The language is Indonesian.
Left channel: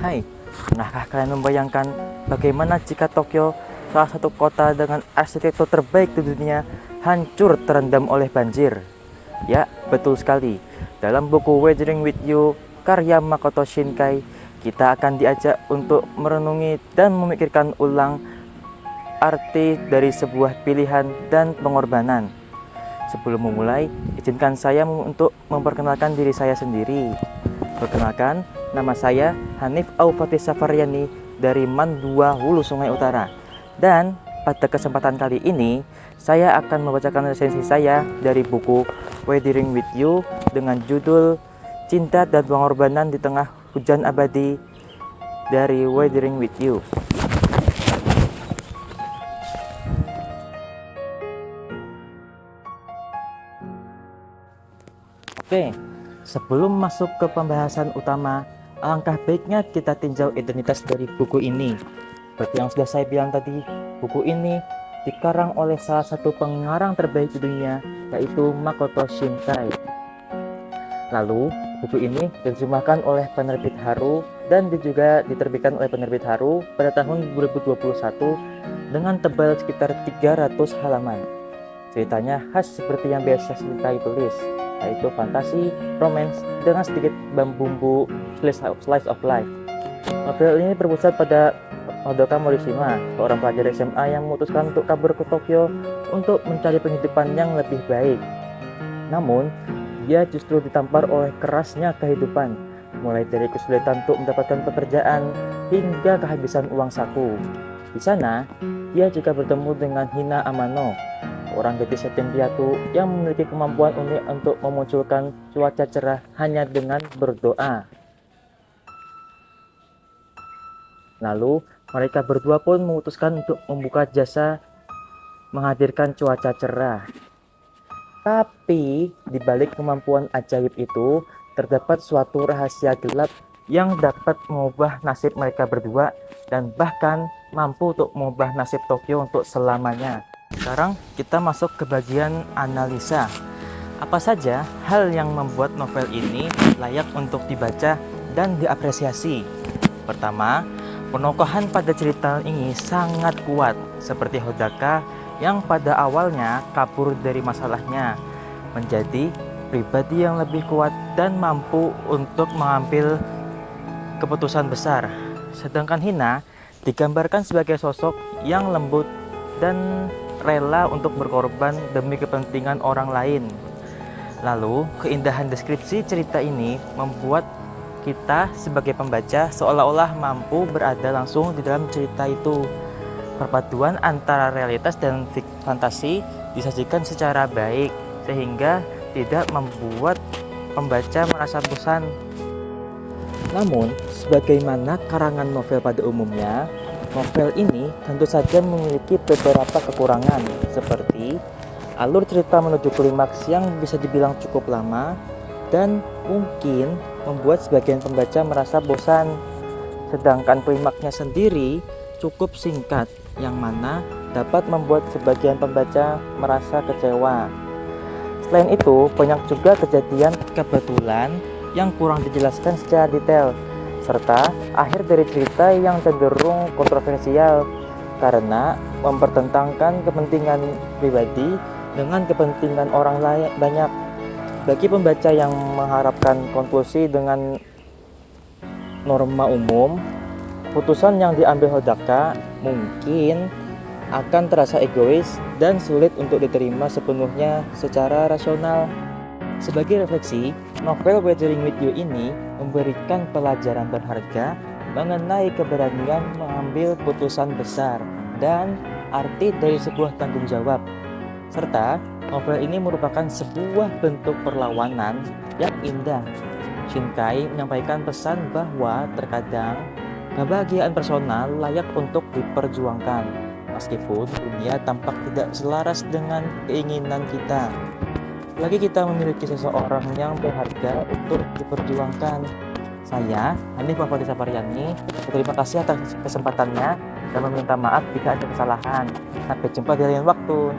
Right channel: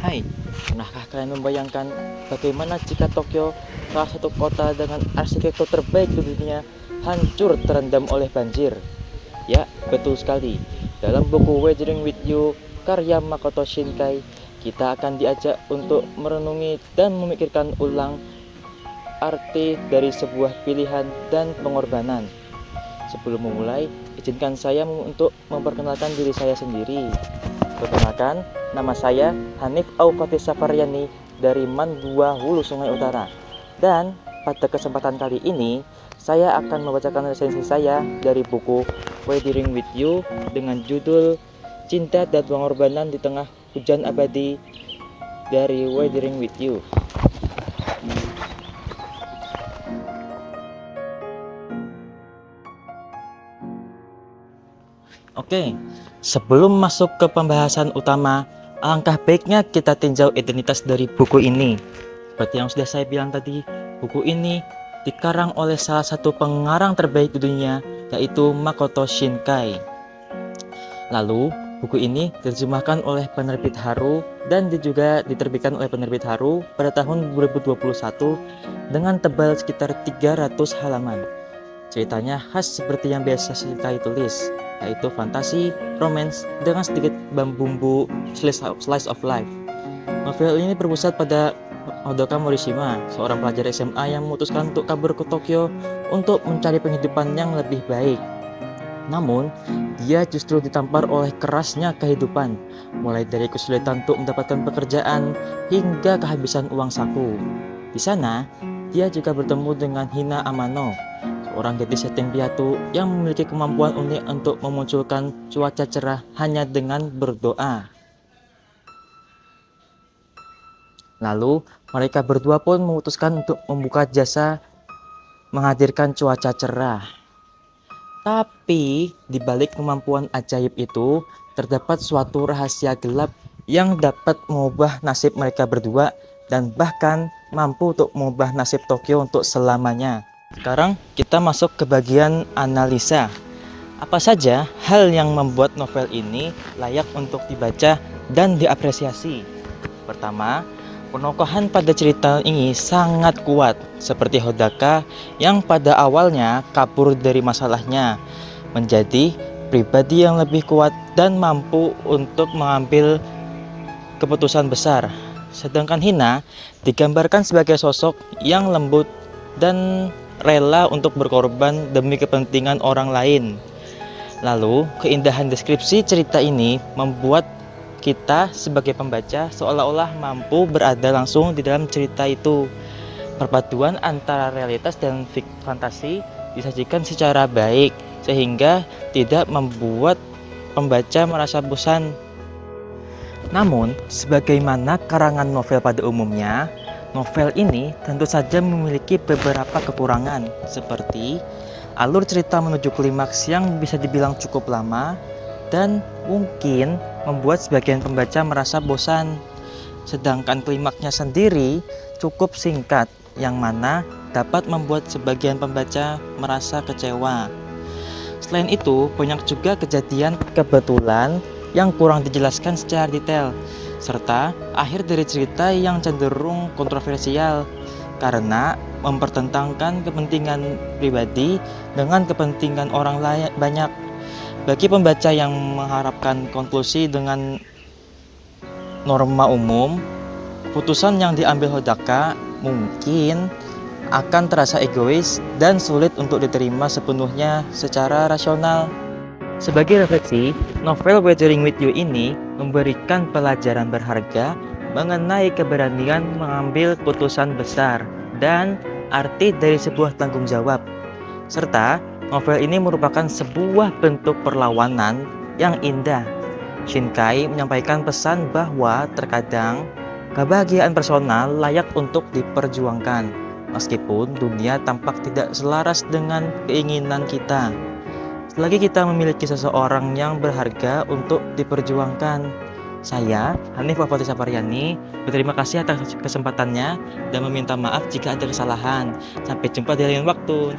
Hai, pernahkah kalian membayangkan bagaimana jika Tokyo, salah satu kota dengan arsitektur terbaik di dunia, hancur terendam oleh banjir? Ya, betul sekali. Dalam buku Weathering with You, karya Makoto Shinkai, kita akan diajak untuk merenungi dan memikirkan ulang arti dari sebuah pilihan dan pengorbanan. Sebelum memulai, izinkan saya untuk memperkenalkan diri saya sendiri. Perkenalkan, nama saya Hanif Aufati Safaryani dari Mandua, Hulu Sungai Utara. Dan pada kesempatan kali ini, saya akan membacakan resensi saya dari buku Weathering with You dengan judul Cinta dan Pengorbanan di Tengah Hujan Abadi dari Weathering with You. Oke, sebelum masuk ke pembahasan utama, alangkah baiknya kita tinjau identitas dari buku ini. Seperti yang sudah saya bilang tadi, buku ini dikarang oleh salah satu pengarang terbaik di dunia, yaitu Makoto Shinkai. Lalu, buku ini diterjemahkan oleh penerbit Haru dan juga diterbitkan oleh penerbit Haru pada tahun 2021 dengan tebal sekitar 300 halaman. Ceritanya khas seperti yang biasa Shinkai tulis, yaitu fantasi, romance, dengan sedikit bumbu slice of life. Novel ini berpusat pada Hodoka Morishima, seorang pelajar SMA yang memutuskan untuk kabur ke Tokyo untuk mencari penghidupan yang lebih baik. Namun, dia justru ditampar oleh kerasnya kehidupan, mulai dari kesulitan untuk mendapatkan pekerjaan hingga kehabisan uang saku. Di sana, dia juga bertemu dengan Hina Amano, seorang gadis yatim piatu yang memiliki kemampuan unik untuk memunculkan cuaca cerah hanya dengan berdoa. Lalu, mereka berdua pun memutuskan untuk membuka jasa menghadirkan cuaca cerah. Tapi, di balik kemampuan ajaib itu, terdapat suatu rahasia gelap yang dapat mengubah nasib mereka berdua dan bahkan mampu untuk mengubah nasib Tokyo untuk selamanya. Sekarang kita masuk ke bagian analisa. Apa saja hal yang membuat novel ini layak untuk dibaca dan diapresiasi? Pertama, penokohan pada cerita ini sangat kuat, seperti Hodaka yang pada awalnya kabur dari masalahnya, menjadi pribadi yang lebih kuat dan mampu untuk mengambil keputusan besar. Sedangkan Hina digambarkan sebagai sosok yang lembut dan rela untuk berkorban demi kepentingan orang lain. Lalu, keindahan deskripsi cerita ini membuat kita sebagai pembaca seolah-olah mampu berada langsung di dalam cerita itu. Perpaduan antara realitas dan fantasi disajikan secara baik sehingga tidak membuat pembaca merasa bosan. Namun, sebagaimana karangan novel pada umumnya, novel ini tentu saja memiliki beberapa kekurangan, seperti alur cerita menuju klimaks yang bisa dibilang cukup lama dan mungkin membuat sebagian pembaca merasa bosan. Sedangkan klimaksnya sendiri cukup singkat, yang mana dapat membuat sebagian pembaca merasa kecewa. Selain itu, banyak juga kejadian kebetulan yang kurang dijelaskan secara detail, serta akhir dari cerita yang cenderung kontroversial karena mempertentangkan kepentingan pribadi dengan kepentingan orang lain banyak. Bagi pembaca yang mengharapkan konklusi dengan norma umum, putusan yang diambil Hodaka mungkin akan terasa egois dan sulit untuk diterima sepenuhnya secara rasional. Sebagai refleksi, novel Weathering with You ini memberikan pelajaran berharga mengenai keberanian mengambil putusan besar dan arti dari sebuah tanggung jawab. Serta, novel ini merupakan sebuah bentuk perlawanan yang indah. Shinkai menyampaikan pesan bahwa terkadang kebahagiaan personal layak untuk diperjuangkan, meskipun dunia tampak tidak selaras dengan keinginan kita. Selagi kita memiliki seseorang yang berharga untuk diperjuangkan. Saya, Hanif Aufati Safaryani, berterima kasih atas kesempatannya dan meminta maaf jika ada kesalahan. Sampai jumpa di lain waktu.